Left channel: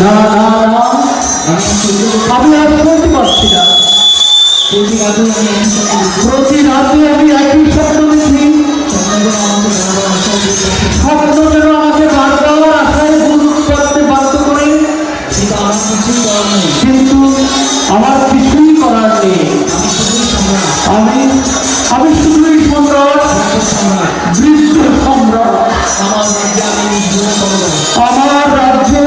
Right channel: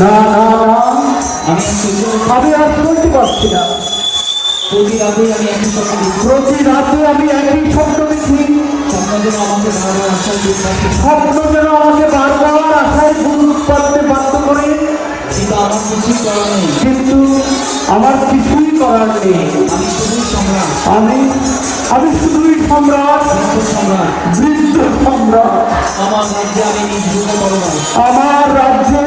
না না না, আমি আর বলতে পারছি না। প্রতি রাতে আমি একই স্বপ্ন দেখি। প্রতি রাতে আমি একই স্বপ্ন দেখি। স্বপ্ন যেন আমাকে বারবার আশায় বুক স্বপ্ন যেন আমাকে বারবার আশায় বুক করতে করতে বাধ্য করে, কিন্তু আমার কিছুই করার নেই। কিন্তু আমার কিছুই করার নেই। আমি শুধুই সম্রাট, আমি শুধুই সম্রাট, সম্রাট। বৃদ্ধ সম্রাট। আমার রাজ্যে আমি নিজ ভূমে বলবান। আমার রাজ্যে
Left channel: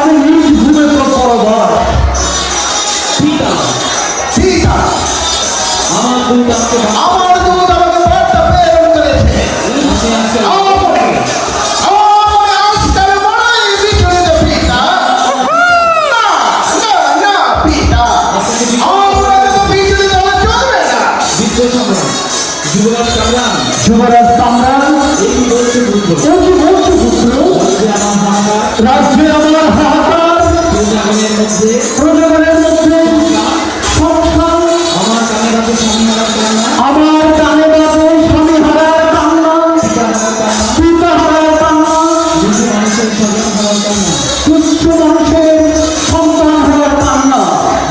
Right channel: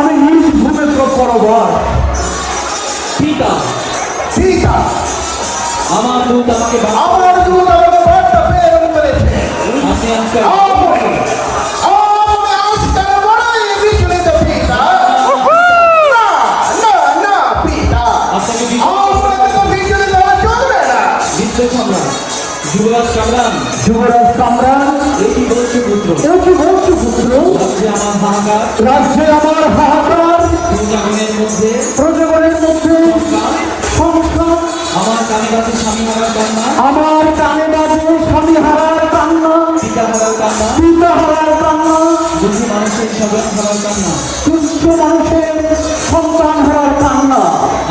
আমি নিজ ভূমে পরবার। পিতা, পিতা, আমার দূত আমাকে আমার দূত আমাকে বার্তা প্রেরণ করেছে। আপনি আসতে যুবরাজ কামরান, যুবরাজ কামরান, এই কি বলছে পুত্র? ও কি বলছো পুত্র? রাজ্যে আমার হাহাকার, রাজ্যে আমার হাহাকার, প্রজাগণের মধ্যে সংসার, আমার কানে বাজে স্বামী হারার কান্না, আমার কানে বাজে স্বামী হারার কান্না, পিতা হারার কান্না, পিতা হারার কান্না, দুঃখী মানুষের স্বজন হারার কান্না। তুচ্ছ মানুষের সন্তান হারার কান্না।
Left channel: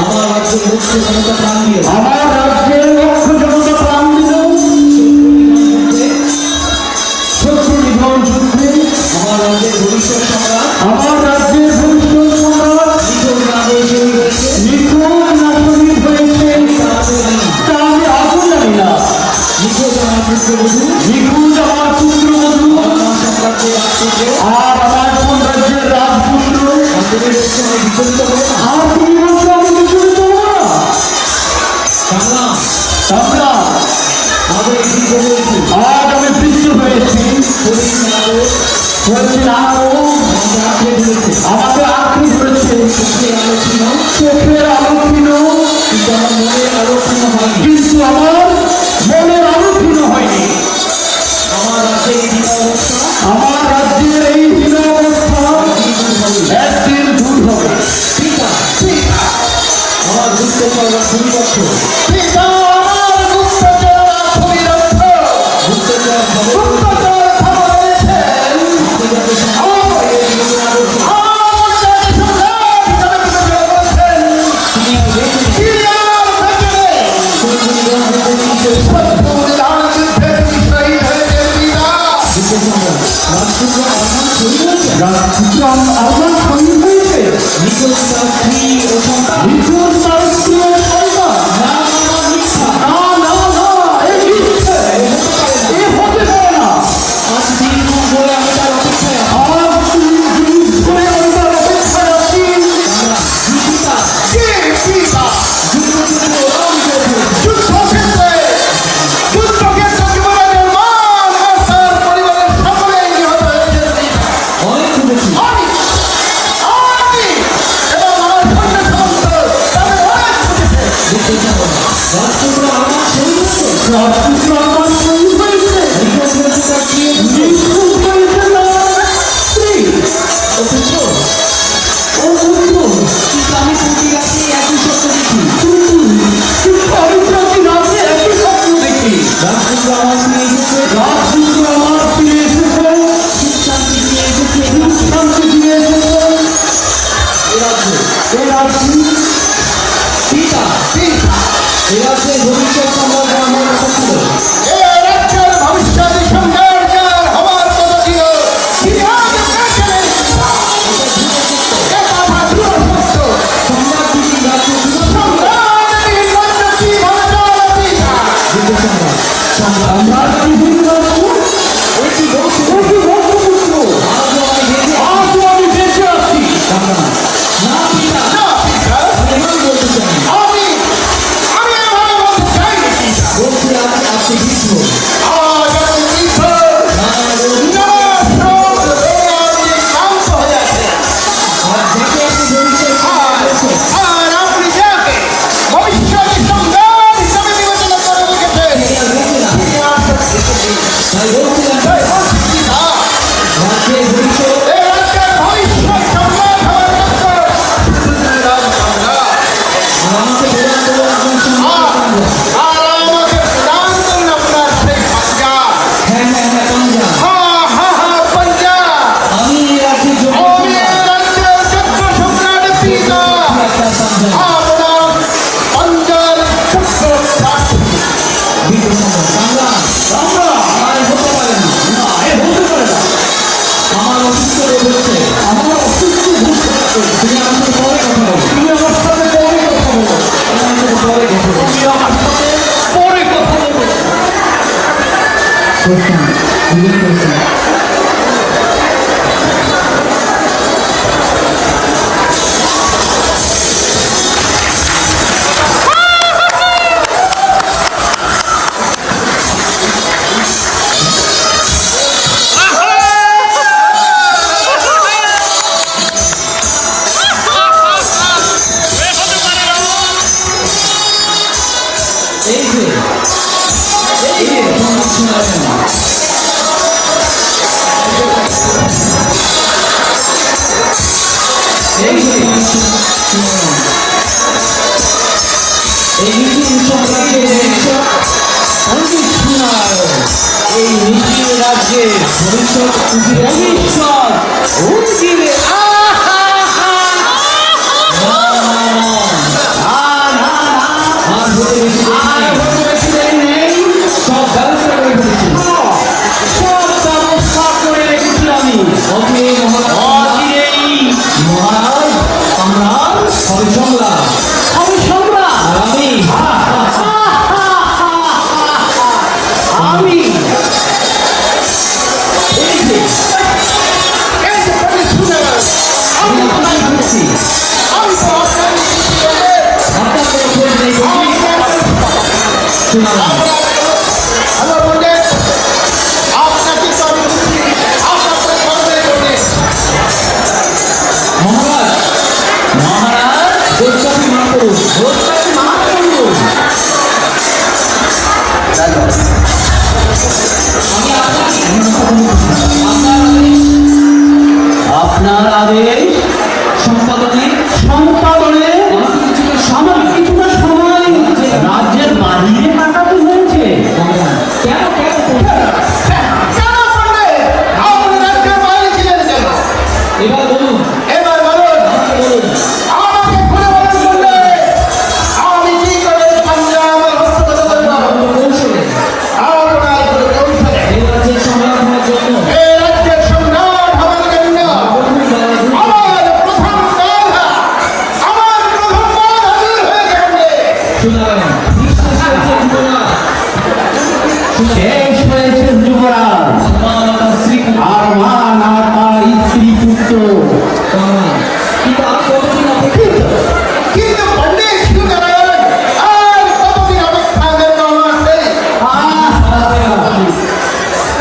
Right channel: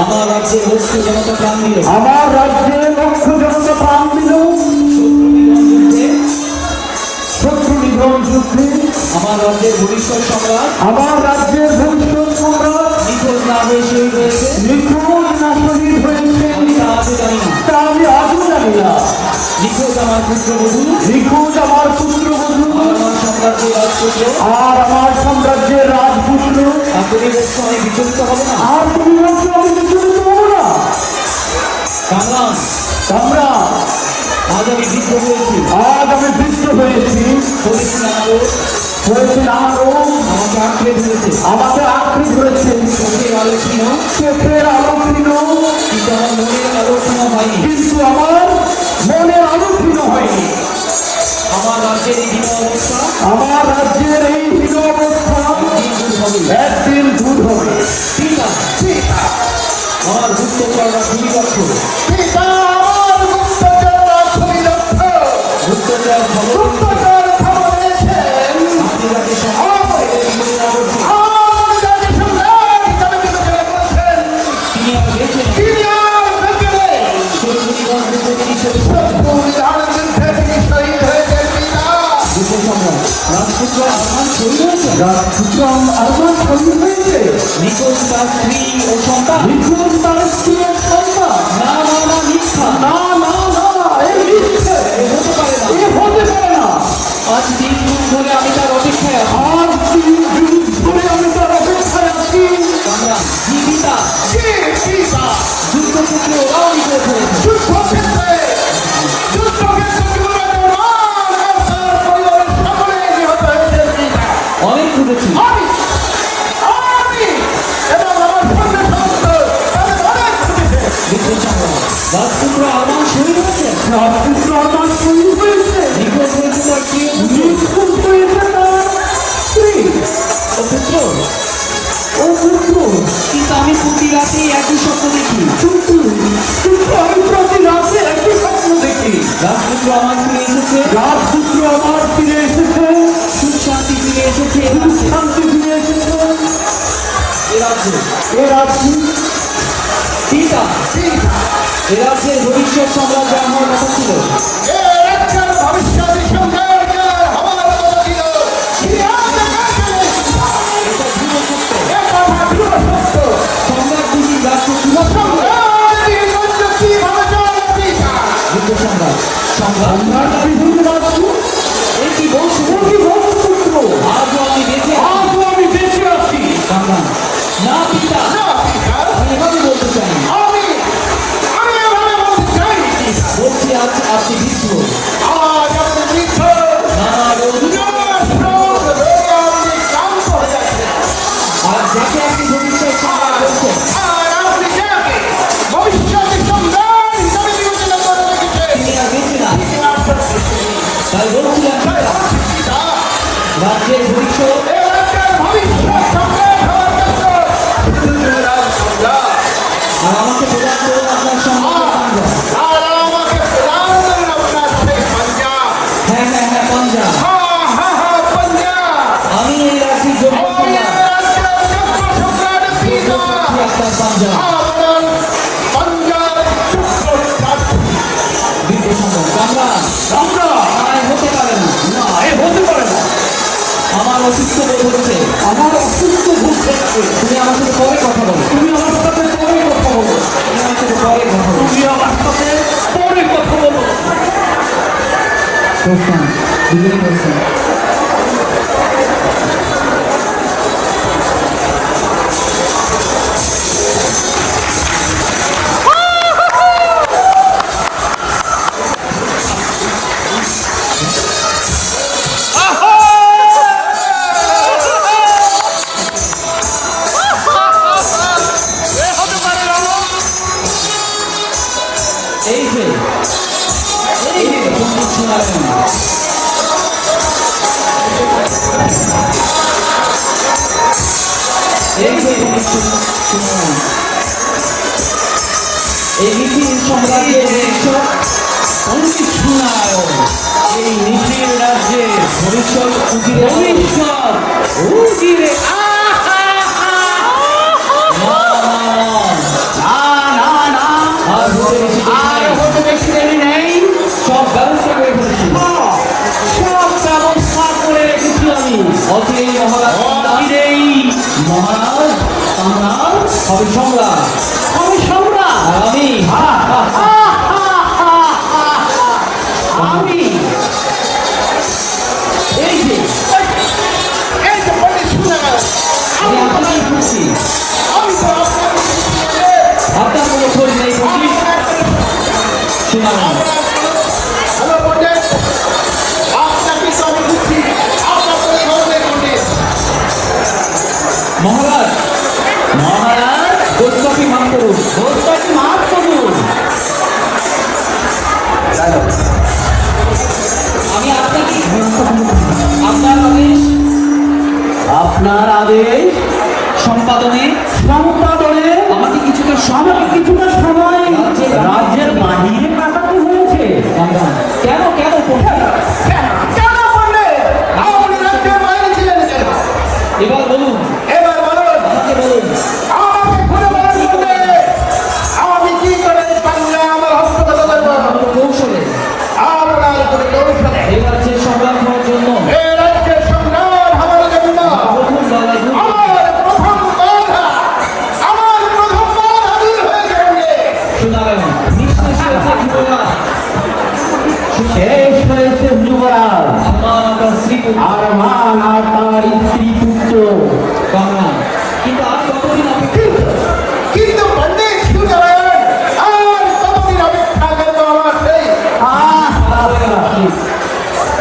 আমার রাজ্যের লক্ষ্য জনতা প্রাণ দিল, আমার রাজ্যের লক্ষ জনতা প্রাণ দিল শত্রু নিধন যুদ্ধে। আমার রাজ্যের ভবিষ্যৎ সম্রাট আমার রাজ্যের ভবিষ্যৎ সম্রাট নিখোঁজ না হয়ে শহীদ হয়েছে। নিখোঁজ না শহীদ হয়েছে, আমি তা আজও জানি না। তা আমি আজও জানি না। নিখোঁজ আমার পুত্রবধূ, নিখোঁজ আমার পুত্রবধূ, আমার সাম্রাজ্যের রাজপুত্র। আর আমার সাম্রাজ্যের রাজপুত্র। আপনি বলছেন আমি বিচলিত হবে না? আর তুমি বলছো আমি বিচলিত হবো না? কামরান, সম্রাট, আজ আমি বৃদ্ধ হয়েছি, আজ আমি বৃদ্ধ হয়েছি, করেছি আরো, হয়েছে আরো, আমাকে আঁকড়ে ধরেছে। আমাকে আঁকড়ে ধরেছে। চোখের আলো ছিল, চোখের আলো ছিল, কিন্তু আমার মনের আলো কোনো হয়নি। কিন্তু আমার মনের আলো ক্ষীণ হয়নি। আমার রাজ্যের এই বিনা অবস্থা আমার রাজ্যের এই হীন অবস্থা একদিন দূর হবে। পিতা, আমার গুপ্তচররা ভূমিদক্ষ, পিতা, আমার গুপ্তচররা ভূমিদক্ষ, গুপ্তচর খবর গুপ্তচর খবর পেয়েছেন। আপনি যাতে সম্রাটের বিবেচনা করছেন, আমার যাকে সম্রাট হিসাবে বিবেচনা করছেন, তিনি আর বেঁচে নেই। তিনি আর বেঁচে নেই। শত্রুগণ যুদ্ধে তিনি শহীদ শত্রু নিধন যুদ্ধে তিনি শহীদ হয়েছেন। পিতা, যুদ্ধ সম্রাট রাজপুত্র আমার শহীদ হয়েছেন। রাজপুত্র আমার শহীদ হয়েছে। নিখোঁজ তার স্ত্রী ও সন্তান, নিখোঁজ তার স্ত্রী ও সন্তান। না মিথ্যা, না না না, এ মিথ্যে, এ হতে পারে না। আজ দীর্ঘদিন ধরে আমি তার অপেক্ষায় আছি। আজ 3 দিন ধরে আমি তার অপেক্ষায় আছি। আমরা জীবিতা কে পিতা? যুদ্ধক্ষেত্রে ওরাও বিজয় করেছে। যুদ্ধক্ষেত্রে যুবরাজের মান আর তার পরিবারের সকলে নিহত হয়েছে। পিতা, অনেক খুঁজেছি, আমি এবং আমার সন্তান তাদের অনেক খুঁজেছে। যুদ্ধ সম্রাট রাজপুত্র আমার শহীদ হয়েছেন। রাজপুত্র আমার শহীদ হয়েছে। নিখোঁজ হয়েছে তার প্রিয় পুত্র নিখোঁজ হয়েছে তার স্ত্রী ও পুত্র। ও পুত্র। কিন্তু আমি প্রতি রাতে একই স্বপ্ন দেখি। কিন্তু আমি প্রতি রাতে একই স্বপ্ন দেখি। রাজপুত্র আমার ফিরে এসেছে, রাজপুত্র আমার ফিরে এসেছে, সুখ শান্তি ফিরে এসেছে। শান্তি ফিরে এসেছে এ রাজ্যে এ রাজ্যে। পিতা, এ রাজ্যের ভবিষ্যৎ সম্রাট আমার কথা ছিল। এ রাজ্যের ভবিষ্যৎ সম্রাট হবার কথা ছিল। তিনি আজ এসেছেন। এটা ভুলে সত্য। এ কথা দৃঢ় সত্য। সম্রাট দুটি রাজ্যে সম্রাটকে বলল কিভাবে চলে পিতা? যুদ্ধ সম্রাট সম্রাট সম্রাট বিভিন্ন রাজ্য। এ কি বলছে? ও কি বলছো পুত্র? আজও আপনি বেঁচে আছেন। আজও আমি বেঁচে আছি। কামরান, না পিতা, না পিতা, আমি এভাবে বলতে চাই। আমি এভাবে বলতে চাই পিতা। বলছি আজ আপনি বৃদ্ধ, আজ আপনি বৃদ্ধ। নানা রোগ, আপনি ক্লান্ত হয়ে আছেন। আর দেখে আপনি ভবিষ্যৎ সম্রাট বলছেন। আর আপনি যাকে ভবিষ্যৎ সম্রাট হিসাবে বিবেচনা করে রেখেছেন, তিনি আর বেঁচে না। তিনি আর বেঁচে নেই। তাই বলছিলাম তাই বলছি পিতা, রাজ্যের ভবিষ্যৎ এ রাজ্যের ভবিষ্যৎ সম্রাট হওয়ার জন্য রাম সম্রাট। আর আমাকে প্রদান করুন আপনার সম্রাটের কাণ্ড। আর আমাকে প্রদান করুন আপনার সেই আপনার পাঞ্জার চক্রবর্তী বীর সম্রাট সম্রাট সম্রাট তাই হতে পারে না। না এ হতে পারে না। আমার অসুস্থ বোধ হচ্ছে। আমার অসুস্থ বোধ হচ্ছে। তুমি আমার সাথে পরে কথা বলো। তুমি আমার সাথে পরে কথা বলো। তুমি আমার সাথে পরে কথা বলো। তুমি আমার সাথে পরে কথা বলো। Question begin question. এই যে পণ্ডিত ছিলেন। এই যে পণ্ডিত ছিলেন। এই মিছিল সম্রাজ্যের ভবিষ্যৎ পণ্ডিত শোনায়। এই মিছিল রাজ্যে ভবিষ্যৎ উজিরে ভবিষ্যৎ উজিরে আর হতে বেশি দেরি নেই। সব ব্যবস্থা করে ফেলেছি। সব ব্যবস্থা করে রেখেছি আমি। অচিরেই মহারাজ মহারাজ আমার হবে সম্রাট। আমি সম্রাট। আর আমি আমি এই যে এই যে পণ্ডিত শুনে আমি আপনাকে খুঁজছি। আমি আপনার কোনো খোঁজ নেই পণ্ডিত। শোনালাম হ্যালো পণ্ডিত, আপনাকে তো আমি বুঝছি, আপনার তো খবর পণ্ডিত। মহারাজ মহারাজ গোস্বামী মহাপুরুষ গোস্বামী মহাপুরুষ। আমি আপনাকে আপনার আদেশ সম্পাদনে আমাকে কিছুটা সময় রাজ্যের বাহিরে কাটাতে হয়েছে। কেন কেন কেন পণ্ডিত? আপনি রাজ্যের বাইরে ছিলেন কেন? এবার বলুন এবার বলুন, আমাকে বলুন আমাকে ঘুরে বলুন পণ্ডিত, আমি কি করে পাঞ্জাব হস্তগত করব? কৌশলে আপনার কোনো কৌশলে এই রাজ্যের সম্রাট হওয়ার জন্য এই রাজ্যের সম্রাট হওয়ার জন্য প্রথম দলে আমার প্রথম বাধা দূর হয়ে গেছে। শোনা গেল নিঃশেষ হয়েছে যুবরাজ। শেষ হয়েছে যুবরাজ, আমার তার শ্রীপুত্র আর মান আর তার স্ত্রী পুত্র। ভগবান। কিন্তু আর কতদিন অপেক্ষা? কিন্তু পণ্ডিত সুতরাং আর কতদিন অপেক্ষা করতে হবে?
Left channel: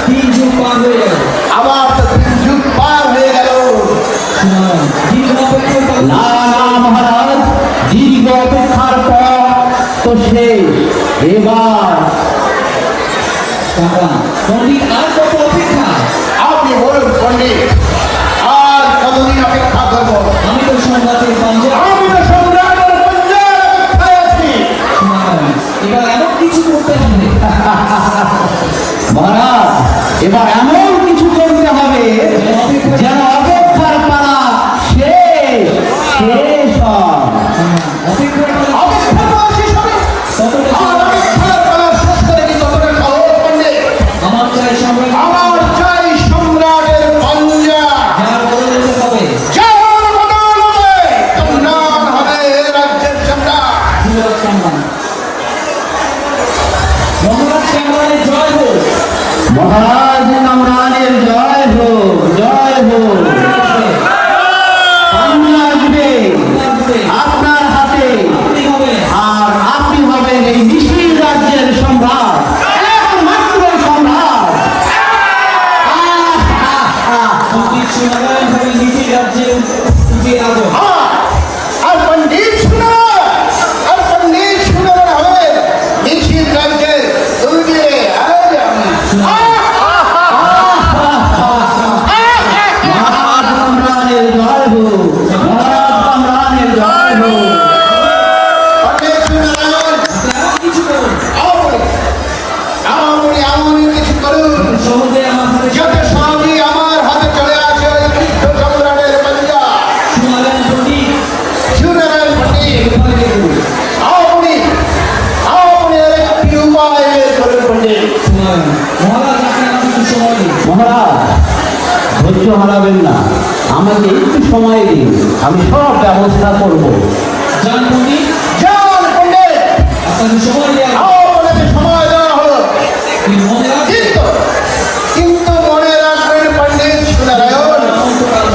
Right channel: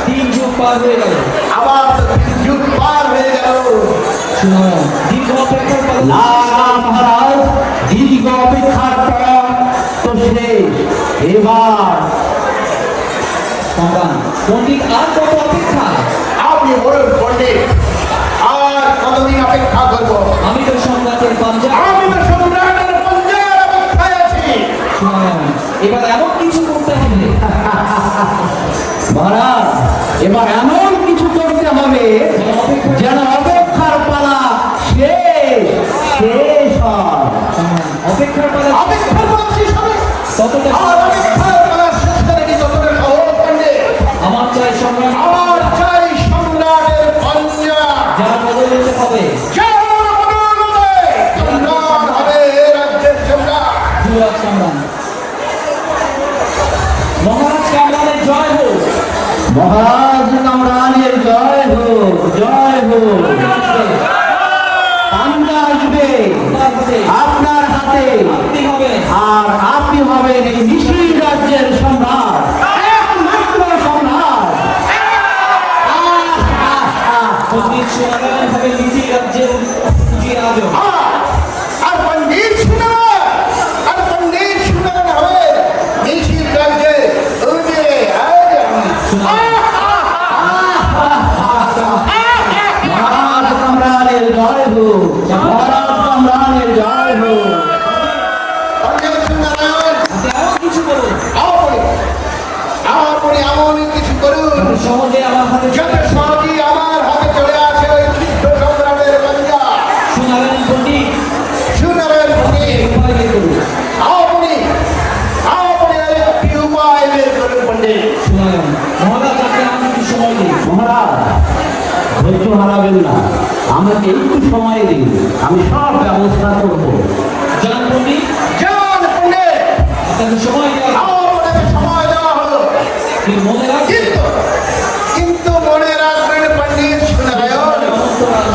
তিন যুগ পার হয়ে গেল। আমার তো যুগ পার হয়ে গেল। শুনুন, দীর্ঘ অপেক্ষার পর না না মহারাজ, দীর্ঘ অপেক্ষার পর তো শেষ। এবার ভগবান, পণ্ডিত আর কত অপেক্ষা? আপনি বলুন পণ্ডিত, আর কতদিন অপেক্ষা করবো? আমি তো সম্রাটের পাঞ্জা। আমি তো সম্রাটের পক্ষে অপেক্ষায় আছি। শুনুন, এবার এমন কিছু করতে হবে মহারাজ, এবার এমন কিছু করতে হবে যেন অপেক্ষার পালা শেষ শেষ হয়। অপেক্ষার পালা অপেক্ষার পালা শেষ হবে। ততটা আর অপেক্ষার পালা শেষ করে কি যতটা সহজ পণ্ডিত? আমার চাই সম্রাট আমার চাই সম্রাটের পাঞ্জা। যার বদলে হবে যার বদৌলতে সম্রাট হবে এ রাজ্যের সম্রাট। যুবরাজ সম্রাট। মহারাজ কামরানের জয় হোক। মহারাজ কামরানের জয় হোক, জয় হোক। পাঞ্জা আসবে আপনার হাতে, আপনি হবেন আর আপনি হবেন এই মিছিল রাজ্যের সম্রাট, একমাত্র সম্রাট। পণ্ডিত সোনাগারের হবে নিচি রাজ্যে উঠিয়ে আজম। আর পণ্ডিত শুনে, আর পণ্ডিত শুনে হবে মিছিল রাজ্যের উজিরে আজম। মহারাজ কামরানের জয় হোক, মহারাজ কামরানের জয় হোক। পণ্ডিত শুনে আপনি এমন কিছু করুন আপনি এমন কিছু করুন সহজে আমার হাতে যাতে সবই আমার হাতে চলে আসে। সম্রাটের পাঞ্জা শোনালেন পণ্ডিত শুনে পণ্ডিত মহারাজ ধৈর্য হারাবেন না, আমাকে একটু সময় দিন, আমি সব ব্যবস্থা করব। যান পণ্ডিত, যান পণ্ডিত, আপনাকে সময় দেওয়া হলো। আপনাকে সময় দেওয়া হলো। কিন্তু মনে রাখবেন, কিন্তু মনে রাখবেন পণ্ডিত সুনারায়ণ,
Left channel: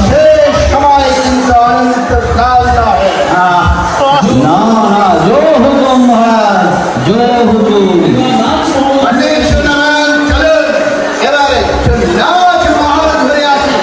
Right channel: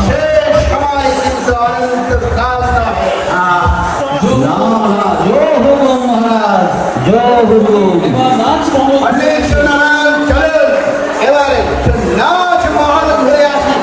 শেষ সময় কিন্তু অনন্তকাল নয়। না না, জয় হুকুম মহারাজ, জয় হুকুম। এবার নাচ মহল পণ্ডিত সুনারায়ণ চলুন, এবারে নাচ মহল ঘুরে আসি।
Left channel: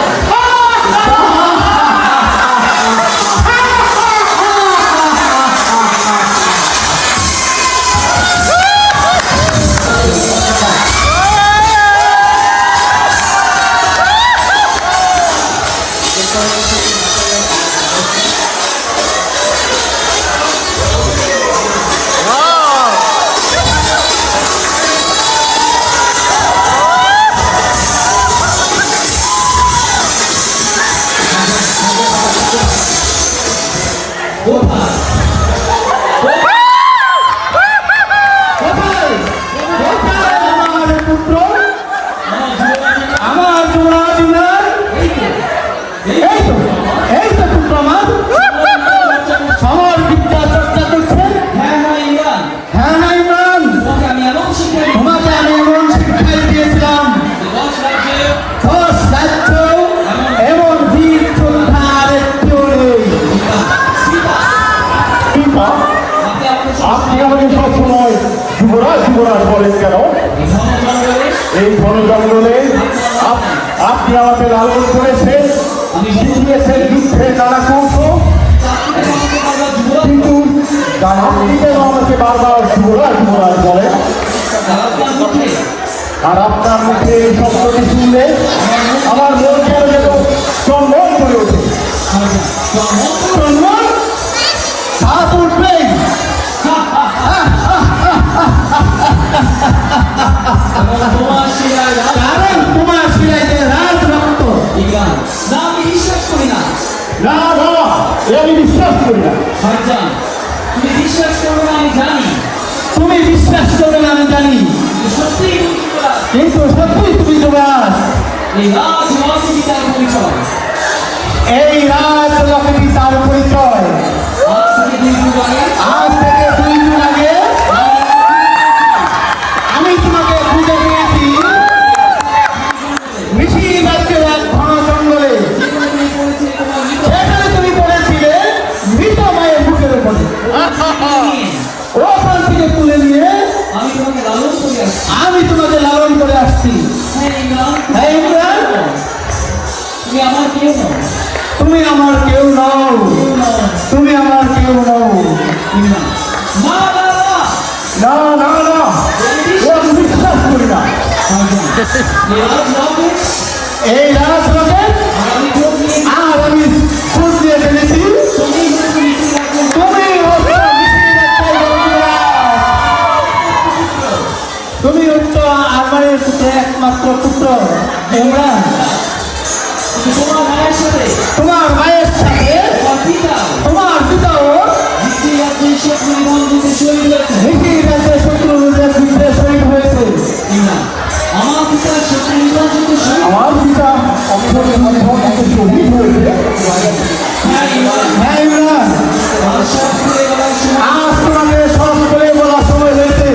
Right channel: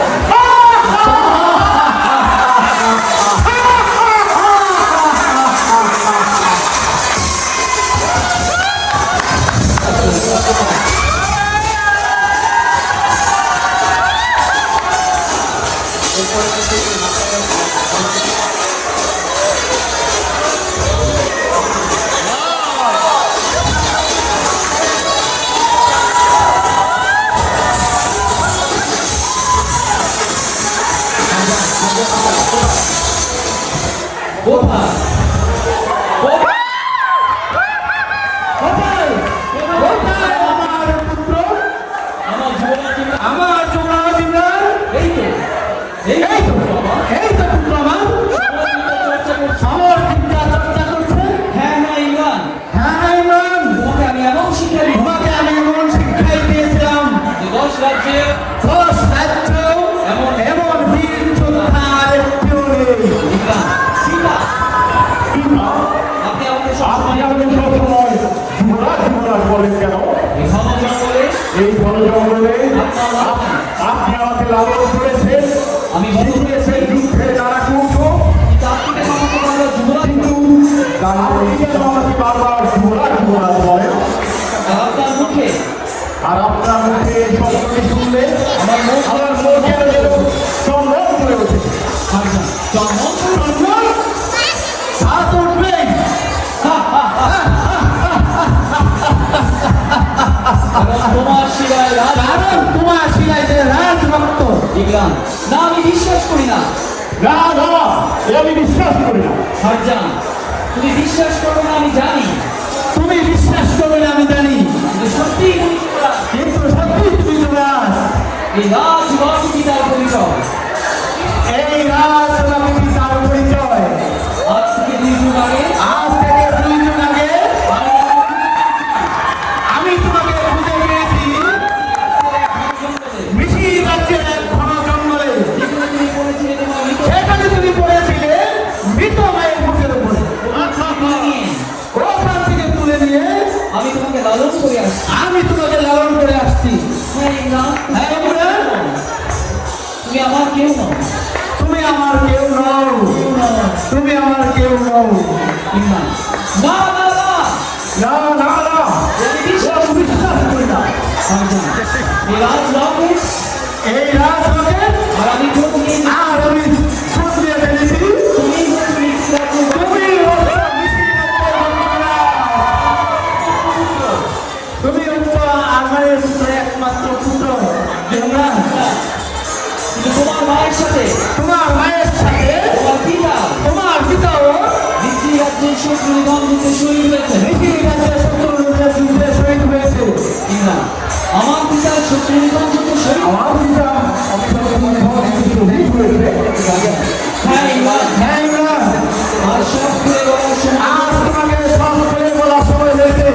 কোথায়? কোথায় কোথায় আমার পুত্র, আমার যুবরাজকে আমার যুবরাজ ইমরান? এই তো, এই এই তো, এই তো পুত্র আমার, আমার বিদ্যা চর্চা করছে। হ্যাঁ হ্যাঁ ইমরান, হ্যাঁ না ইমরান, তোমাকে আমি এমন শিক্ষা দিই তোমাকে আমি এমন শিক্ষা দিয়েছিলাম, যে 10 রাজ্যে 10 রাজ্য এবং বীর যোদ্ধার একটিও নেই। পিতা, পিতা, আপনি আমাকে সব আপনি আমাকে সবসময় যুবরাজ যুবরাজ বলেন কেন? এই জঙ্গলে এই বন জঙ্গলে আপনি আমাকে লালন করেছেন, আমি শিখিয়েছেন যুদ্ধে নানা কৌশল, আমাকে বাবা যুবরাজ কিন্তু আপনি কেন আমাকে বারবার যুবরাজ যুবরাজ বলেন? আপনার মুখে আর আপনার মুখে এই শব্দটি শুনলে আমার মন কেন যেন চন্দন করে ওঠে। চন্দন, তা তো উঠবেই। তোমার শিলায় রাজ কারণ তোমার শিলায় যে রাজভক্ত। ইমরান, না আমি বিশ্বাস করি না। না না, এ আমি বিশ্বাস করি না। ভাইজান, তুমি বিশ্বাস করো না আমি জানি, তুমি বিশ্বাস করবে না আমি জানি, কিন্তু সত্যিই তুমি যুবরাজ। কিন্তু সত্যি তুমি যুবরাজ। এই রাজ রাজনীতি তার পরিচয়। এই রাজলক্ষ্মী তার পরিচয়। আজ থেকে 2 দিন আগে আজ থেকে 2 দিন আগে আমি তোমাকে খুঁজে পেয়েছি মিছিল রাজ্যের এক ঘন জঙ্গলে। যেখানে তুমি পড়েছিলে তোমার মৃত সেখানে তুমি পড়েছিলে মৃত মায়ের বুকের উপরে। নিয়ে ওখান থেকে তুলে নিয়ে আমি তোমাকে লালন করে আসছি। আমি তোমাকে লালন করে আসছি। হ্যাঁ ইমরান, হ্যাঁ ইমরান, তুমি আমার কেউ নও। তুমি আমার কেউ নও, তুমি আমার কেউ নও। ইমরান, না না না, না না না, আমি এ আমি বিশ্বাস করি না। ভাইজান, এই রাজ রাজে এই রাজলক্ষ্মী আমি খোঁজ নিয়ে আর আমি খুঁজ দিয়ে ফেলেছি। তুমি হচ্ছে মিছিল রাজ্যে তুমি হচ্ছ মিছিল রাজ্যের যুবরাজ। তুমি হচ্ছ আমার একমাত্র পুত্র ইমরান। কিন্তু তোমার মায়ের সাথে তোমার মায়ের সাথে তোমার পিতা তোমার পিতাও মিছিল রাজ্যে শত্রু নিধন যুদ্ধে শহীদ হয়েছে। ঋষিরাজের শত্রুদের যুদ্ধে শহীদ হয়েছে। ইমরান, আমার পিতা শত্রু নিধন যুদ্ধে শহীদ। আমার পিতা অক্ষরে শহীদ হয়েছে। হ্যাঁ ইমরান, হ্যাঁ ইমরান, আমার সব করে বলার সময় আজ তোমাকে সব করে বলার সময় হয়েছে।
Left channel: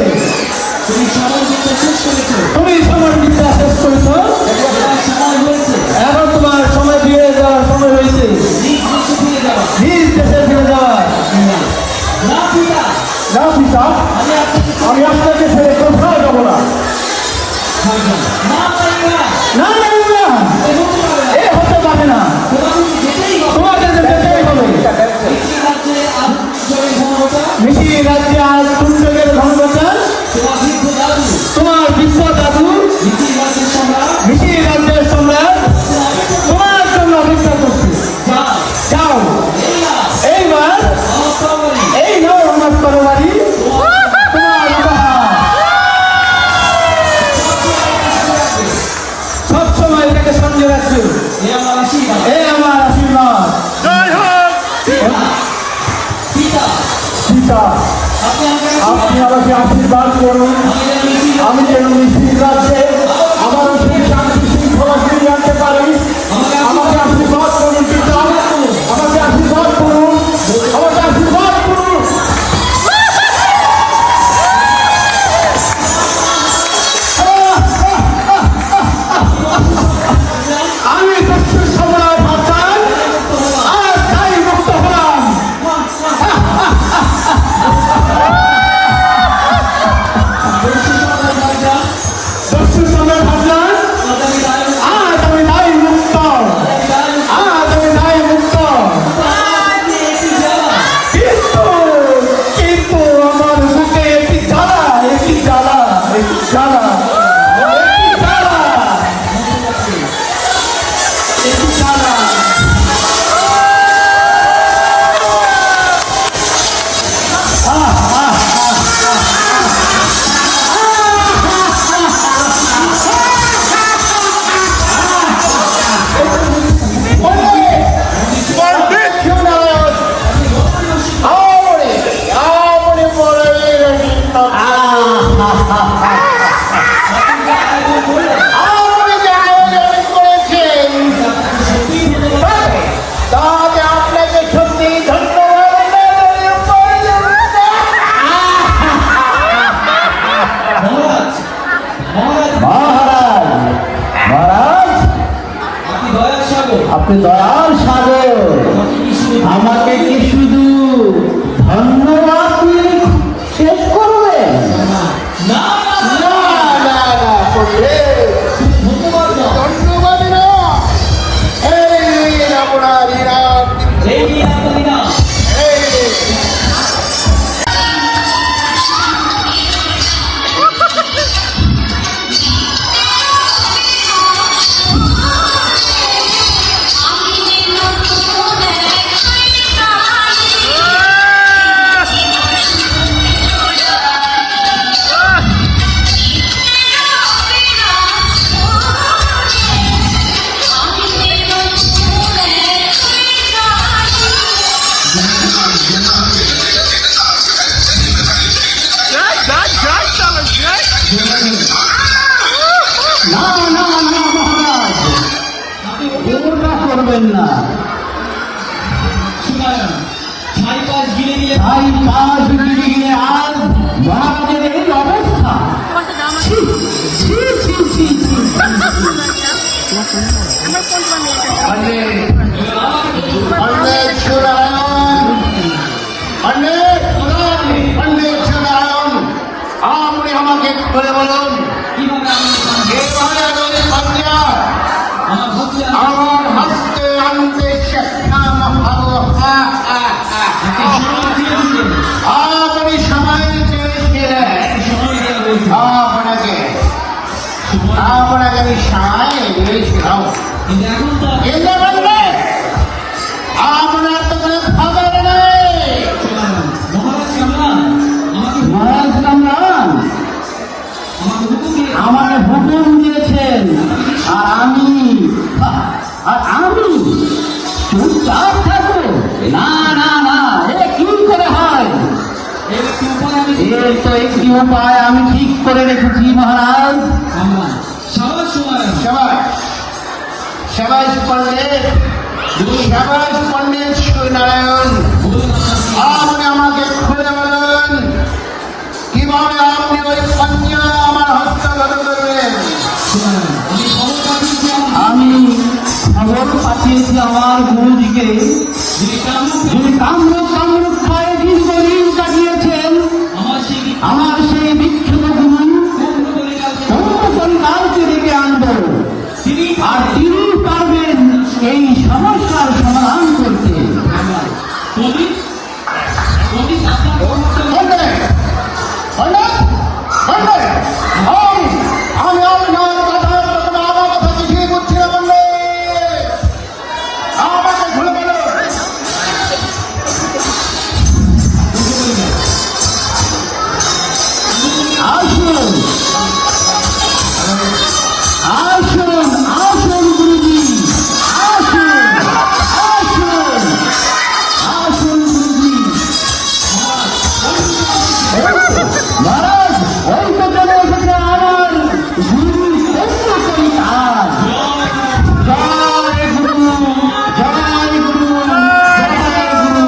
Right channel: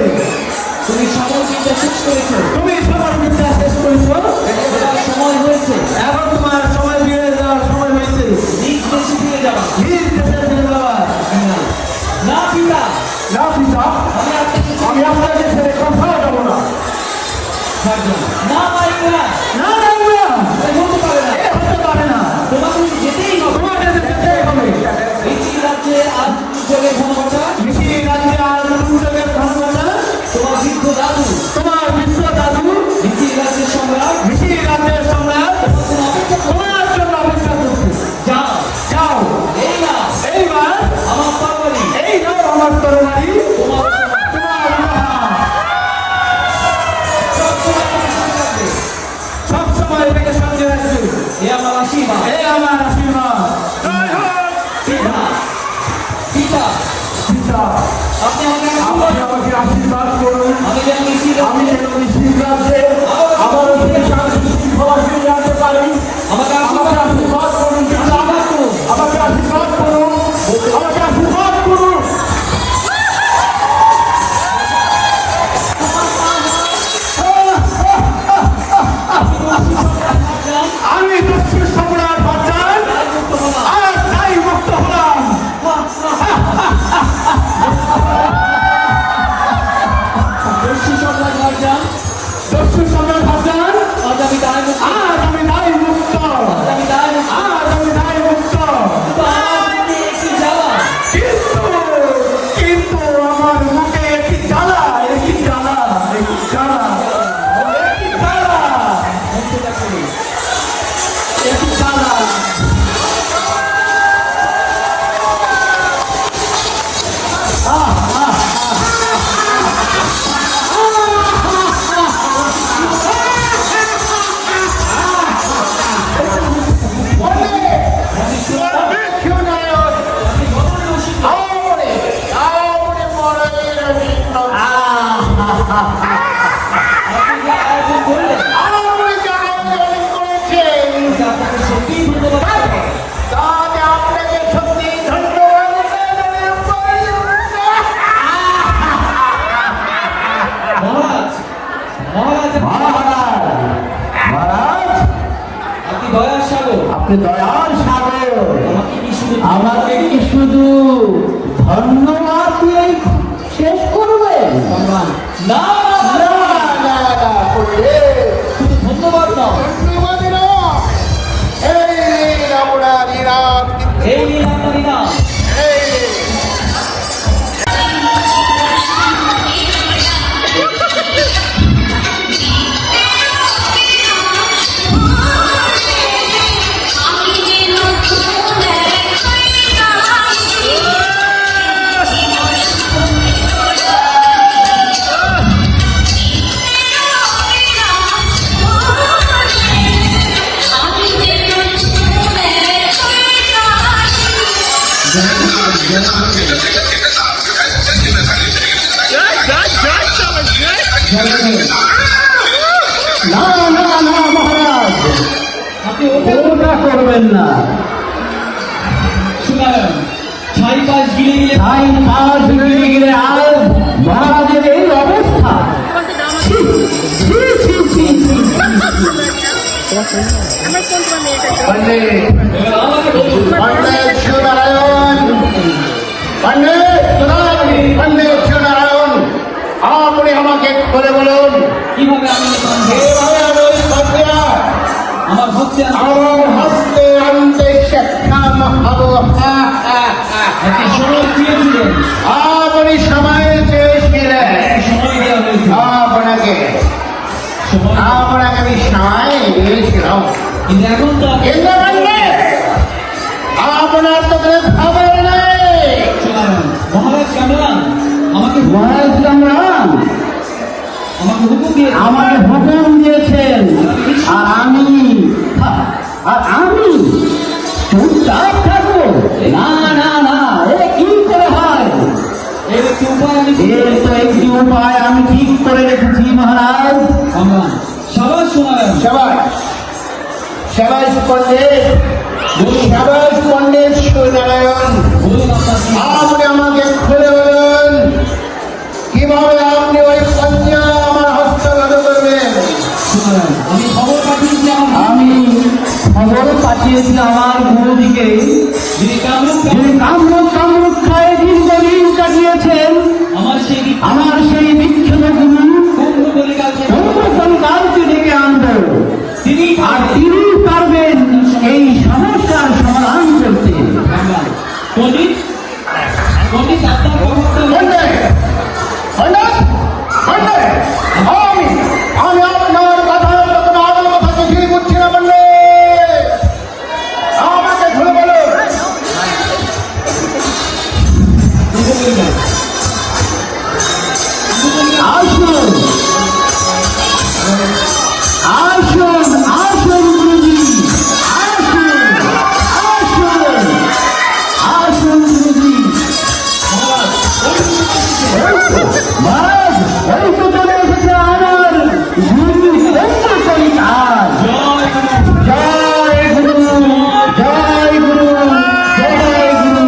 তুমি সময় দিতে শেষ করেছো। তুমি সময় দিতে শেষ করেছো, তোমার সময় হয়েছে এখন তোমার সময় দিয়ে যাওয়ার সময় হয়েছে নিজ দেশে ফিরে যাওয়া। নিজ দেশে ফিরে যাওয়ার। ইমরান, না পিতা, না পিতা, আমি আপনাকে আমি আপনাকে ছেড়ে কোথাও যাবো না। ভাইজান, না ইমরান, না না ইমরান, এ হতে পারে না। এ হতে পারে না, তোমাকে যেতেই হবে। তোমাকে যেতেই হবে। মিছিল রাজ্যে আজ জয়ের ঘনঘটা মিছিল রাজ্যে আজ দুর্যোগের ঘনঘটা, তোমার বৃদ্ধ দাদু তোমার বিশ্ব দাদু মিছিল রাজ্যের সম্রাট মিছিল রাজ্যের সম্রাট তোমার জন্য অপেক্ষা করছে। যাও যাও, এই না এইবার আমার তরবারি এই নাও আমার তরবারি, তোমার তোমার উপহার। সবসময় এটাকে সামনে রাখবে। এ আমার আশীর্বাদ। এ আমার আশীর্বাদ। পিতা, পিতা, পিতা, আপনি আমাকে আপনি আশীর্বাদ আমাকে আশীর্বাদ করুন। আমি যেন মিছিল আমি যেন নিশ্চিত রাজ্যে আবারও সেই শান্তি শৃঙ্খলা আমাকে কি শুধু ধন্যবাদ দিয়ে শেষ করবেন? না না না না পণ্ডিত, ধন্যবাদ দাও। ধন্যবাদ নয়, এই নিন আপনার ইরান, এই নিয়ে আপনি না এই নিন। না না না মহারাজ, আপনি ওটা করবেন না। শুনালেন ছাই পাশ গিলে নিয়ে তাই মাছ গিলে আজ মহারাজের এই অবস্থা। ছি, ছি, ছি, ছি, ছি। আমার কোন তোমার মেয়েটা পণ্ডিত, এবার আমাকে বলুন পণ্ডিত সুনারায়ণ, পণ্ডিত সুনারায়ণ, আপনি আমাকে খুলে বলুন, কিভাবে আমি এভাবে ওই পাপিয়া আমার হচ্ছে আমার হস্তে আনতে সক্ষম হব। আপনি সময় দিয়েছিলেন, আপনি সময় চেয়েছিলেন, সময় দেওয়া হয়েছে আপনাকে সময় আপনাকে আমি সময় দিয়েছিলাম, কিন্তু এখন তো আপনি কিন্তু পণ্ডিত, আপনার তো কোনো খবর নেই। শুনালেন মহারাজ কামরান আমাকে মহারাজ কামরান আমাকে হুকুম দিয়ে আমাকে হুকুম দিয়েছেন, আর আমি চুপচাপ থাকবো? না না না, এ কি করে হয়? এর একটু উপায় আমি এর তো একটি উপায় আমি ঠিক করে রেখেছি মহারাজ। কামরান সাবাস শুনালেন সবাই সবাই পণ্ডিত, সবাই পণ্ডিত সুনারায়ণ, বলুন আপনার কি আপনি আমাকে খুলে বলুন কিভাবে আপনি ওই কন্যা আমার হস্তগত করবেন। শুনালেন আমি খবর পাঠিয়েছিলাম আমি খবর পাঠিয়েছি আমার গুরুজিকে, যিনি কামরূপ যিনি কামরূক্ষায় দীর্ঘদিন কাটিয়েছেন। আমার সেই বিখ্যাত গুরু অন্যতনকারকে ডেকে আনবো, আর তিনি পারবেন এই সমস্যার সমাধান করতে। পণ্ডিত আপনার ব্যাপারটা পণ্ডিত, পণ্ডিত, পণ্ডিত, আমি আপনার কথা প্রথম আমার কথা কিছুই বুঝছি না পণ্ডিত, আমাকে খুলে বলুন। বুঝতে পারি না আসুন আসুন আসুন গুরুজি, আসুন আসুন আসুন গুরুজি। মহারাজ, ওই তো চলে এসেছে আমার গুরু অন্যতনকার। জয় গুরু, জয় গুরু, জয় গুরু।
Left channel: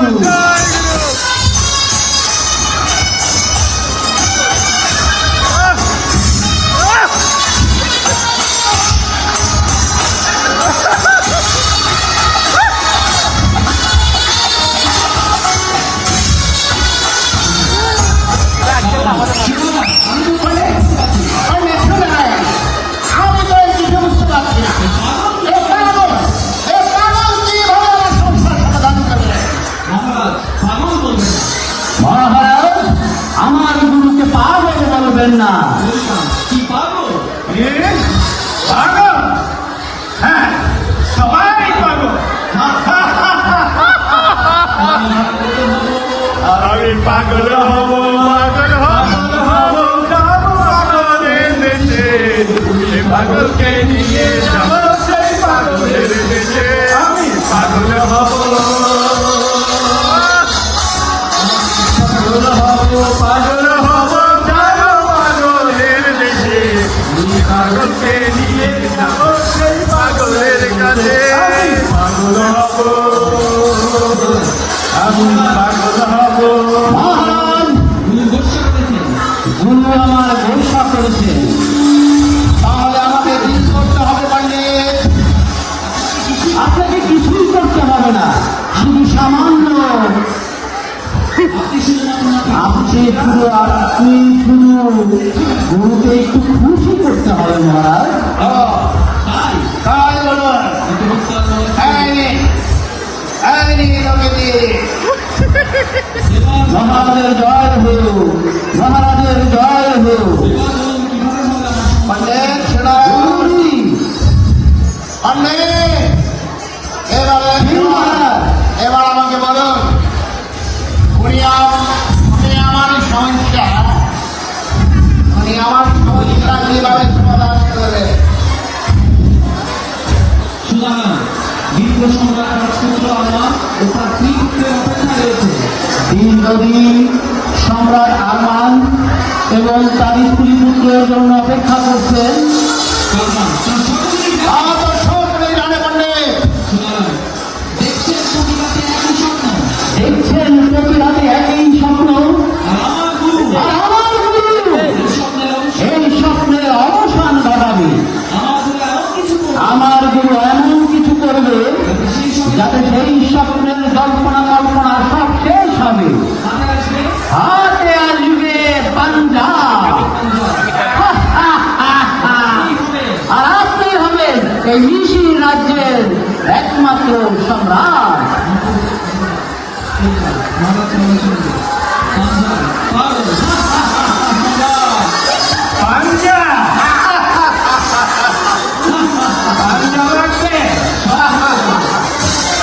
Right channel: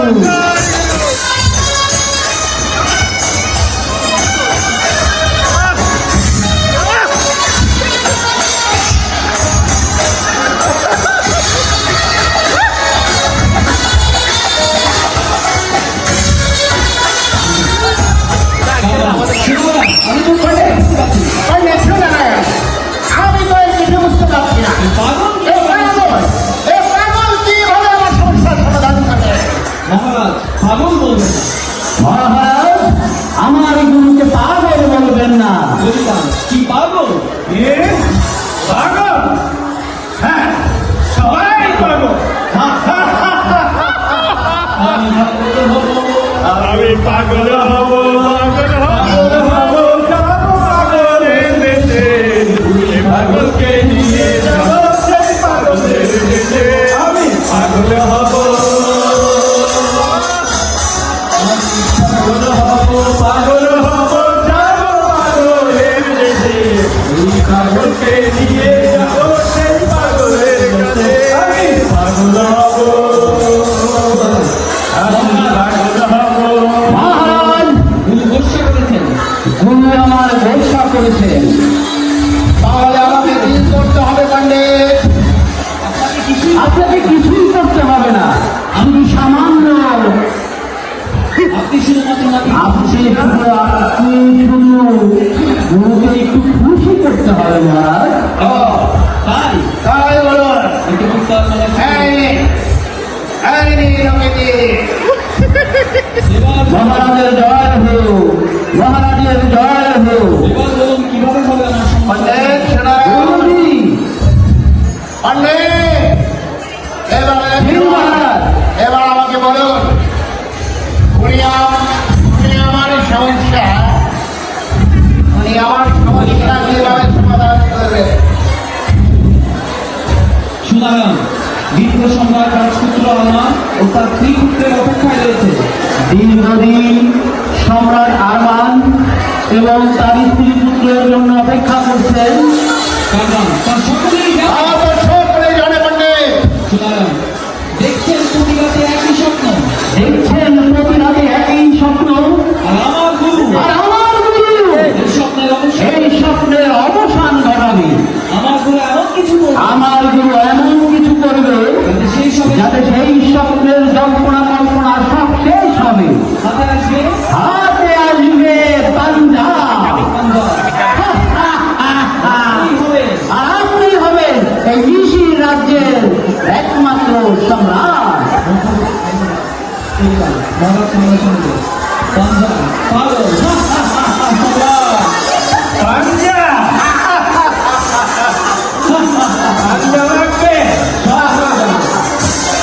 আমি তো বুঝতে পারছি পণ্ডিত সুনারায়ণ, আমি তো এর কিছু বুঝতে পারছি না। পাগল এ পাগল কিভাবে আমার সমস্যার সমাধান করবে? মহারাজ পাগল বলবেন না মহারাজ, আমার গুরুকে পাগল বলবেন না। বলতাম কি পাগল পাগল? হ্যাঁ, সবাই পাগল। আমি পাগল হব আমি পাগল হব, পাগলের দেশে, পাগলকে নিয়ে যাব সেই পাগলের দেশে। আমি পাগল হব, পাগল হব, যাব পাগলের দেশে। এই পাগলকে নিয়ে যাব সেই পাগলের কাছে। আমি পাগল হব, আমি পাগল হব। মহারাজ, উনি ভরসা করেছেন গুরু আমার ভরসা করেছেন। তাহলে আমাকে কি করতে হবে পণ্ডিত? আপনাকে কিছু আপনাকে কিছুই করতে হবে না। আমি সামান্য উনি আমার সমস্যা কিভাবে সমাধান করবে? শুনালাম দ্বিতীয় সম্রাট রাজপুত্র আরমান ও তার স্ত্রী পুত্রের অপেক্ষায় রয়েছে। দীর্ঘদিন সম্রাট আরমান এবং তার স্ত্রী পুত্রের জন্য অপেক্ষা করছেন। কারণ তার সকলেই আমরা তো সকলে জানে পণ্ডিত। শুনালাম দেখছেন প্রতি রাতে একই স্বপ্ন, দেখছেন প্রতি রাতে একই স্বপ্ন। আর আমার গুরু আর আমার গুরু এই স্বপ্নের অবশ্যই এই স্বপ্নের অবসান ঘটাবে। আমার গুরু এমন কিছু করবে আমার গুরু এমন কিছু করবে যাতে সেই সব যাতে সেই স্বপ্নের জল্পনা কল্পনা সব শেষ হবে। হাতে আসবে হাতে আসবে পাঞ্জা। কি হবে? আর আপনি হবেন এই মিশির রাজ্যের একমাত্র সম্রাট। মহারাজ শুনে শুনবে পাঞ্জা পাগল পাঞ্জা পাঞ্জা লাগবে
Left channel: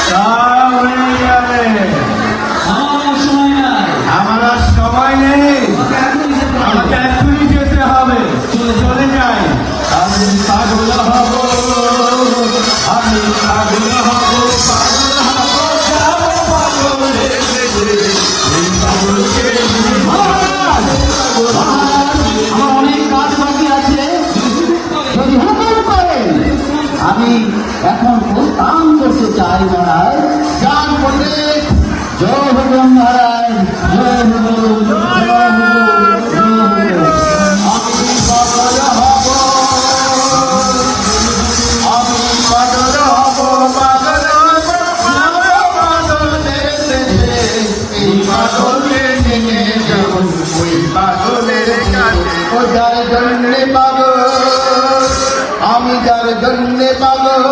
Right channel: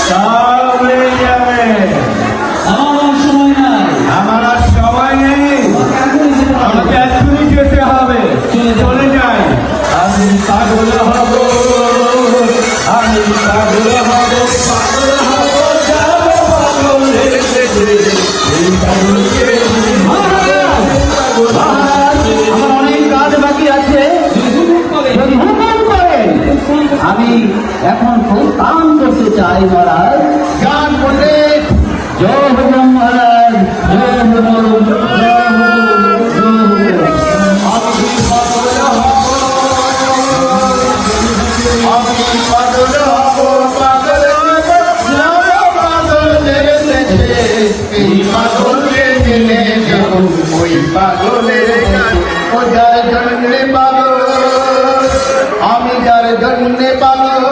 তাহলে যাবে। আমার সময় নাই, আমার আর সবাই নেই, এখনই যেতে হবে। আমাকে এক্ষুনি যেতে হবে। চলে যাও। চলে যাই। আমি পাগল হব, আমি পাগল হব, পাগল হব, যাবো পাগলের দেশে। এই পাগলকে আমার অনেক কাজ বাকি আছে। যদি হুকুম করেন আমি এখন প্রস্থান করতে চাই মহারাজ। গান পণ্ডিত জয় হোক মহারাজ, জয় হোক, জয় হোক, জয় হোক। আমি পাগল হব, আমি পাগল হব, পাগল হব, যাবো পাগলের দেশে। এই পাগলের দিনে যখন ওই পাগলের দেশে ও যার জন্যে পাগল, আমি যার জন্যে পাগল।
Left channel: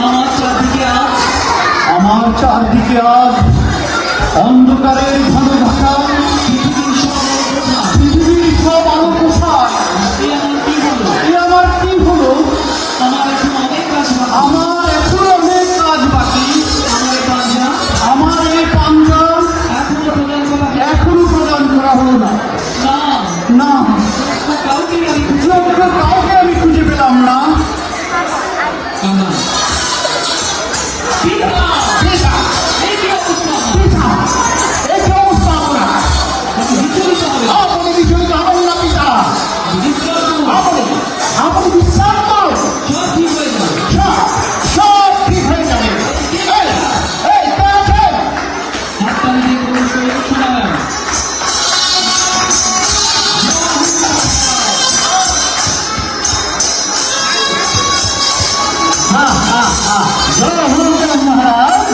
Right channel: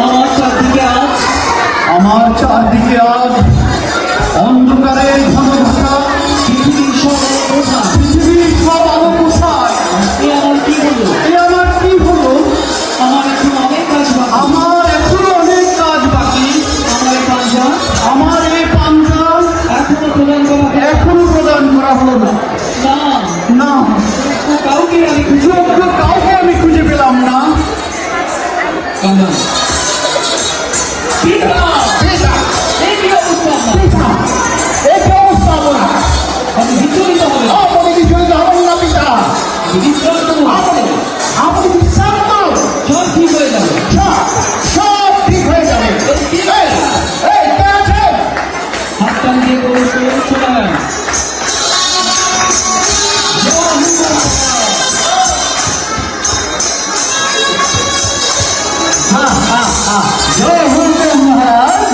আমার চারদিকে আজ আমার চারদিকে আজ অন্ধকারের ঘন ঢাকা। পৃথিবীর সব প্রধান। পৃথিবীর সব আলো কোথায়? এ আমার কি হলো? এ আমার কি হলো? আমার এখন অনেক কাজ বাকি। আমার এখনো অনেক কাজ বাকি। আমার এই পাঞ্জা আমার এই পাঞ্জা এখনো প্রদান করা হয় এখনো প্রদান করা হলো না। না। না, ও কাউকে আমি খুঁজে কাউকে আমি খুঁজে পেলাম না। কান্না এই কি অবস্থা আপনার? এই কি অবস্থা আপনার? আপনি বিচলিত হবে। আপনি বিচলিত হবেন না পিতা। বিশ্বাস করুন, আপনি বিশ্বাস করুন, সব ঠিক হয়ে যাবে। সব ঠিক হয়ে যাবে। এই কি হয়ে যাবে? এই কে আছেন? হাতটা নিজে করে শোনা গেল। জয় হোক মহারাজ।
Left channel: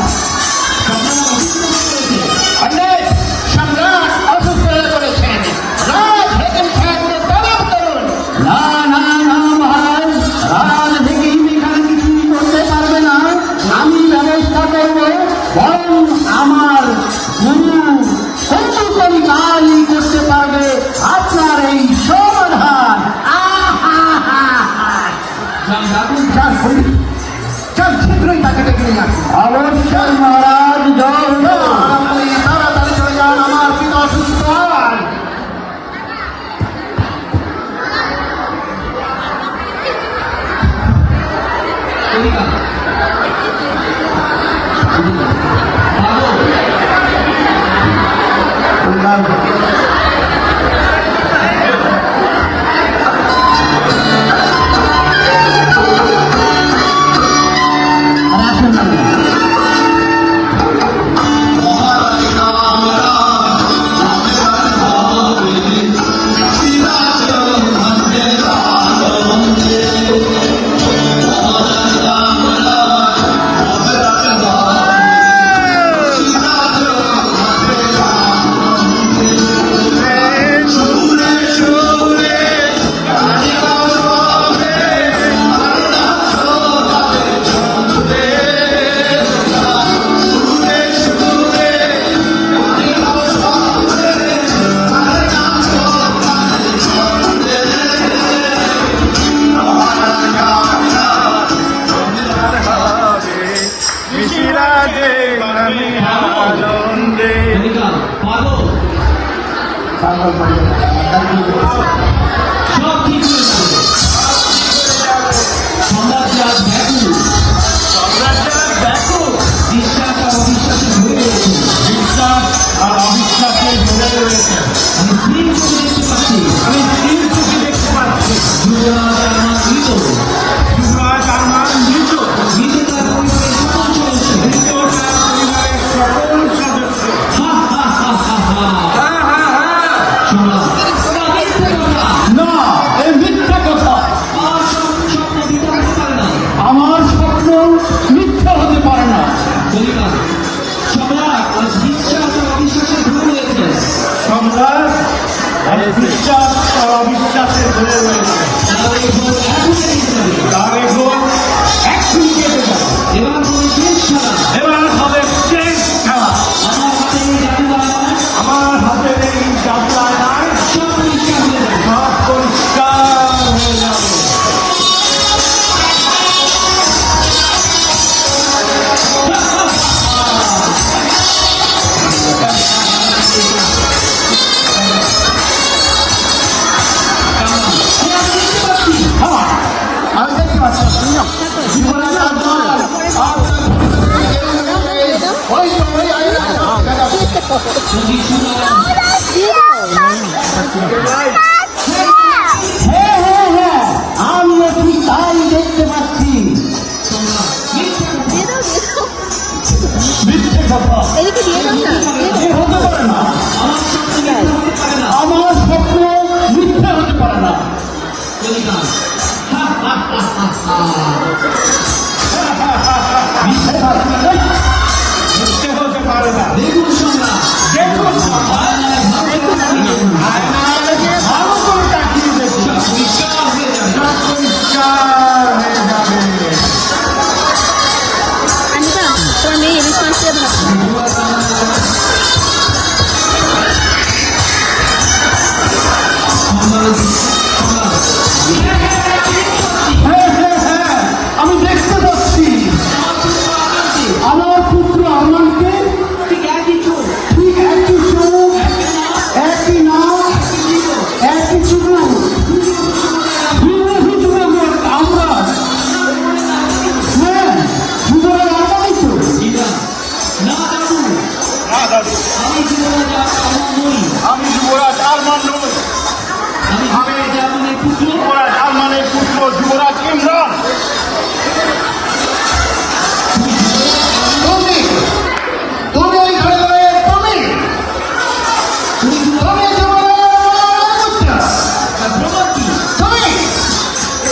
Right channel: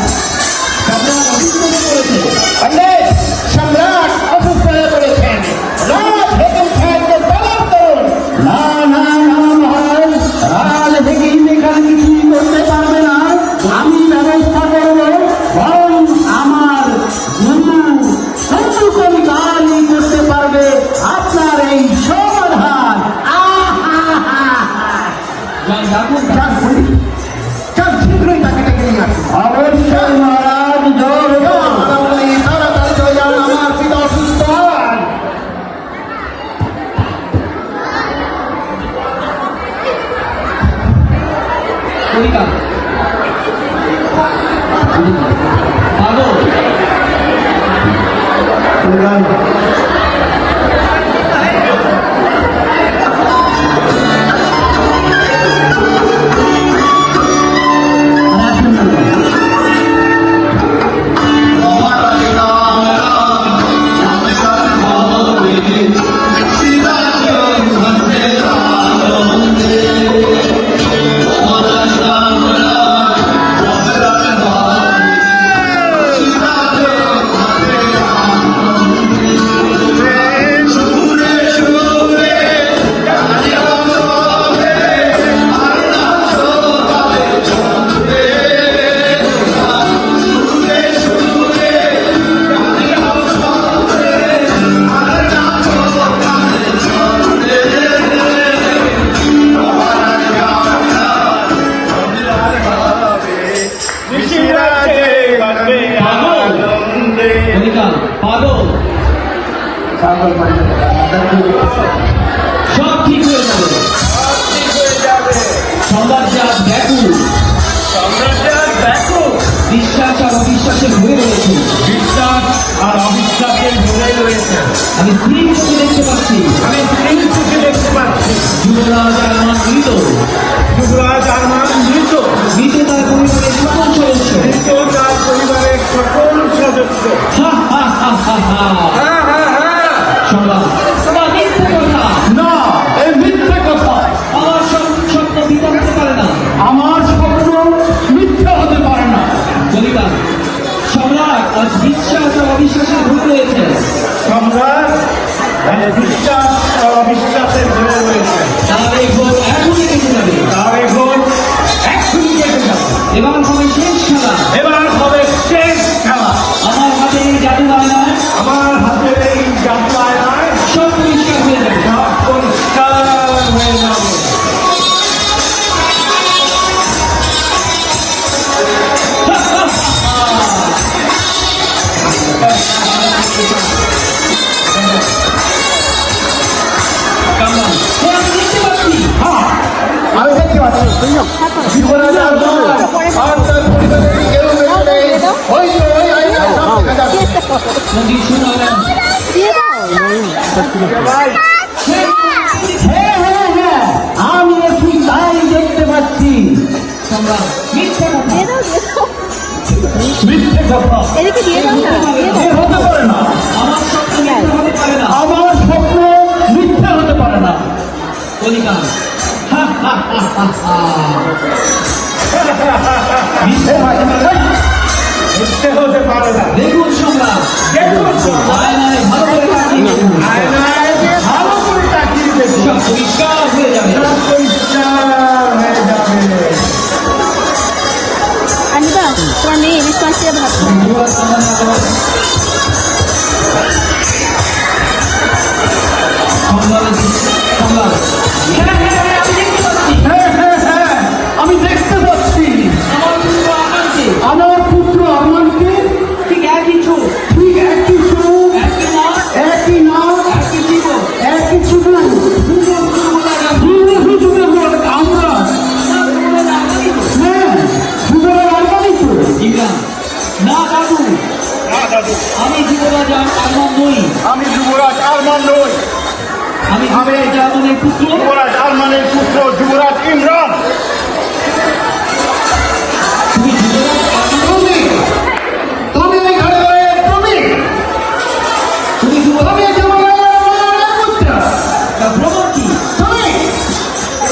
পাগল পাগল সব ঠিক হয়ে যাবে। সম্রাট যে আজ ব্যাকুল, বিশ্বাস আর অবিশ্বাসে ভরে রয়েছে। বিশ্বাস আর অবিশ্বাসে ভরে রয়েছে। আমি স্ত্রীর চোখে দেখতে পাচ্ছি আমি স্ত্রীর চোখে দেখতে পাচ্ছি যুবরাজ আরমান মৃত। যুবরাজ আরমান মৃত। মৃত তার পরিবারের সকল সদস্য। মৃত তার পরিবারের সকল সদস্য। হা হা হা হা হা। সম্রাট, আমার মিথ্যে কথা। না, এই মিথ্যা কথা। আমার স্বপ্ন মিথ্যা হতে পারে না। আমার স্বপ্ন মিথ্যা হতে পারে না। বলিবান, সম্রাট আজ বিশ্বাস আর অবিশ্বাসে ভরে রয়েছে। সম্রাট আর বিশ্বাস আর অবিশ্বাসের ভরে রয়েছে। তার এই ঘর এখনই কেটে যাবে। তার এখন এক্ষুনি কেটে যাবে। এবার হবে শেষ খেলা। এবার হবে শেষ খেলা। আমার হাতে এই জাদু আয়নায় আমার হাতে এই যাত্রায় নয়, সব পরিষ্কার হয়ে যাবে। সব পরিষ্কার হয়ে যাবে। কামরান, ও আমি দেখতে পাচ্ছি। আমি দেখতে পাচ্ছি জীবনের আরমান আর তার পরিবারের কেউ নেই। ওই তো ওই আয়না। নদী শুনালেন। হ্যাঁ হ্যাঁ হ্যাঁ, আমি একটু তাই দেখতে পাচ্ছি। সম্রাট, মিথ্যা কথা। মিথ্যে কথা এ হতে পারে না। এ হতে পারে না। আমার স্বপ্ন মিথ্যা হতে পারে না। আমার স্বপ্ন মিথ্যা হতে পারে না। বলিবান, হা হা হা হা হা। মিথ্যে হতে পারে না। মিথ্যে হতে পারে না। দেখুন সম্রাট, দেখুন, আয়নায় ভালো করে তাকিয়ে দেখুন। আয়নায় ভালো করে তাকিয়ে দেখুন। সব পরিষ্কার হয়ে যাবে। সব পরিষ্কার হয়ে যাবে। আমি বিশ্বাসে ভাবছি যুবরাজ সম্রাট সম্রাট, হ্যাঁ হ্যাঁ হ্যাঁ, আমি দেখতে পাচ্ছি। হ্যাঁ হ্যাঁ হ্যাঁ, আমি দেখতে পাচ্ছি। আমার পুত্র আমাকে আমার পুত্র আরমানকে ঠিক একই চোখ, ঠিক একই চোখ, একই নাক, একই নাম, একই জীবন, একই চুল, বিরোধী যুবক আমরা। হ্যাঁ, যুবরাজ আরমানই তো। না দাদু, আমি যুবরাজ আরমান নই। আমি যুবরাজ আরমান নই। আমি যুবরাজ আরমানের পুত্র। যুবরাজ আরমানের পুত্র যুবরাজ ইমরান। তুমি যুবরাজ আরমান নই। তুমি এই ঘরের তুমি, তুমি যুবরাজ তুমি যুবরাজ আরমানের পুত্র। তার প্রমাণ কি?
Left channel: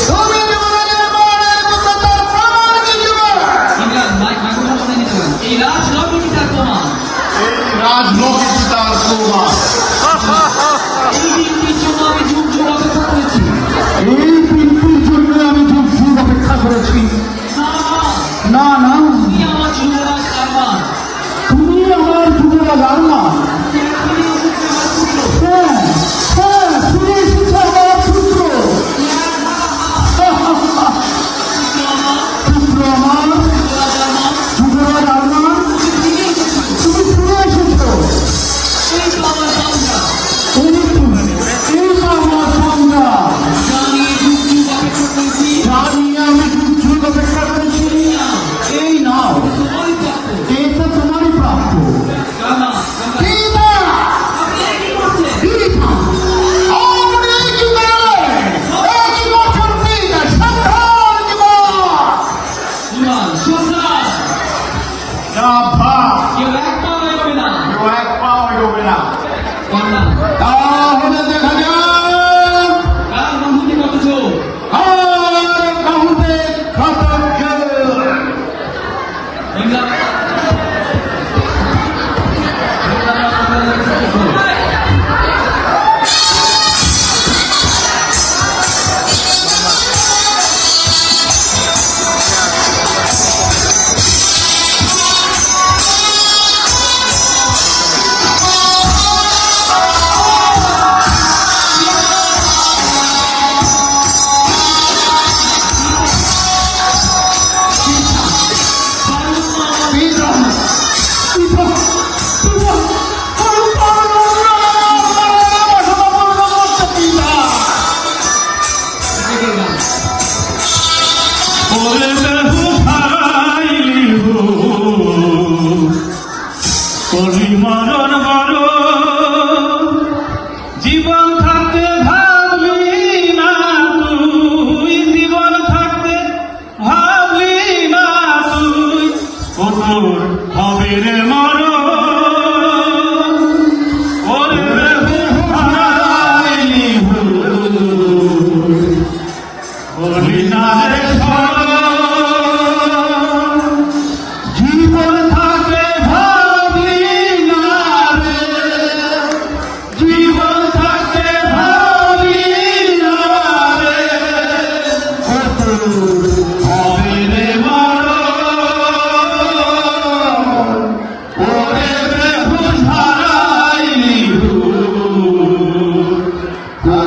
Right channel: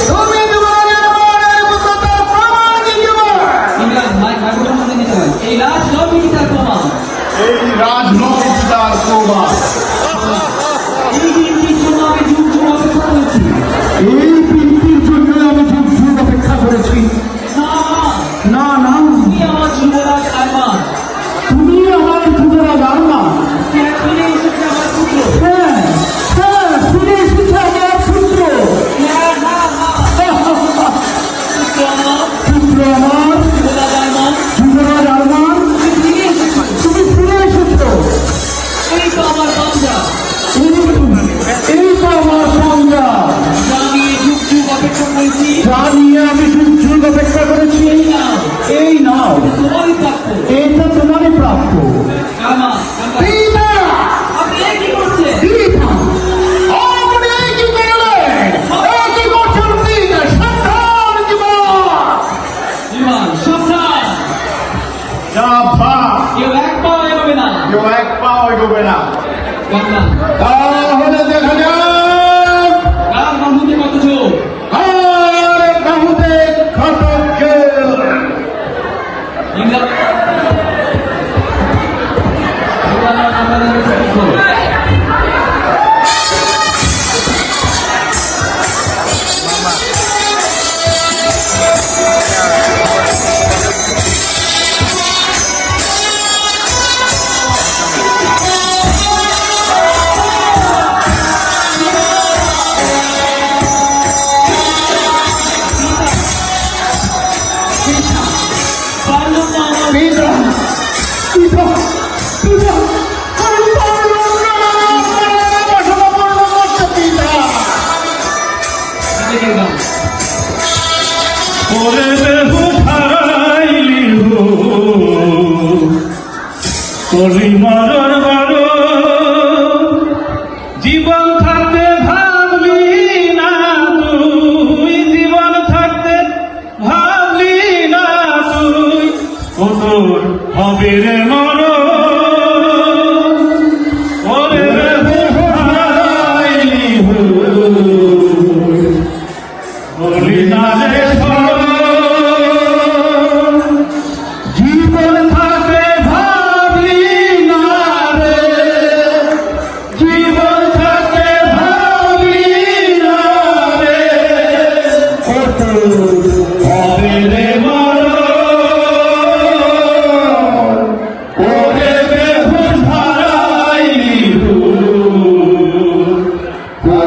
তুমি যুবরাজ আরমানের পুত্র, তার প্রমাণ কি যুবরাজ? ইমরান, মাইক্রোফোন হাতে নিতে পারেন। এই রাজ নবী তার প্রমাণ। এই রাজনৈতিক তার প্রমাণ। এই দিনটির জন্য আমি যুগ যুগ অপেক্ষা করেছি। এই দিনটির জন্য আমি যুগ যুগ অপেক্ষা করেছি। না, না না, তুমি আমার যুবরাজ আরমান। তুমি আমার যুবরাজ আরমান। এখনই এসেছে আমার পুত্র। হ্যাঁ হ্যাঁ, ফিরে এসেছে আমার পুত্র। হ্যাঁ, হ্যাঁ, হ্যাঁ। পুত্র আমার, পুত্র আমার, যুবরাজ আরমান, যুবরাজ আরমান, তুমি ফিরে এসেছো। তুমি ফিরে এসেছো। এই তো আমার বান্দা। এই তো আমার সংজ্ঞা। যা নিয়ে যুগ যুগ অপেক্ষা করেছি। যা নিয়ে আমি যুগ যুগ অপেক্ষা করেছি। নাও, এই নাও, তোমারই প্রাপ্য। এই তো তোমারই প্রাপ্য। আমার, আমরা, পিতা, আপনি এই কি করছেন? পিতা, আপনি এই কি করলেন? এই কি করছেন পিতা? সাবধান জীবন। ইমান, সাবধান। সাবধান, কেউ এক পাও এগোবে না। কেউ এক পাও এগোবে না। কামরান, তাহলে দেখা যাক কার বাহুতে কত চোখ? আর বহুদের সতর্ক। ইমরান, ইমরান আমাদের পুত্র। পারলাম না আমার পিতা, পিতা, পিতা, আমি পারলাম না।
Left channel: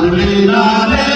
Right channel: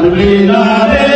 মানবে না রে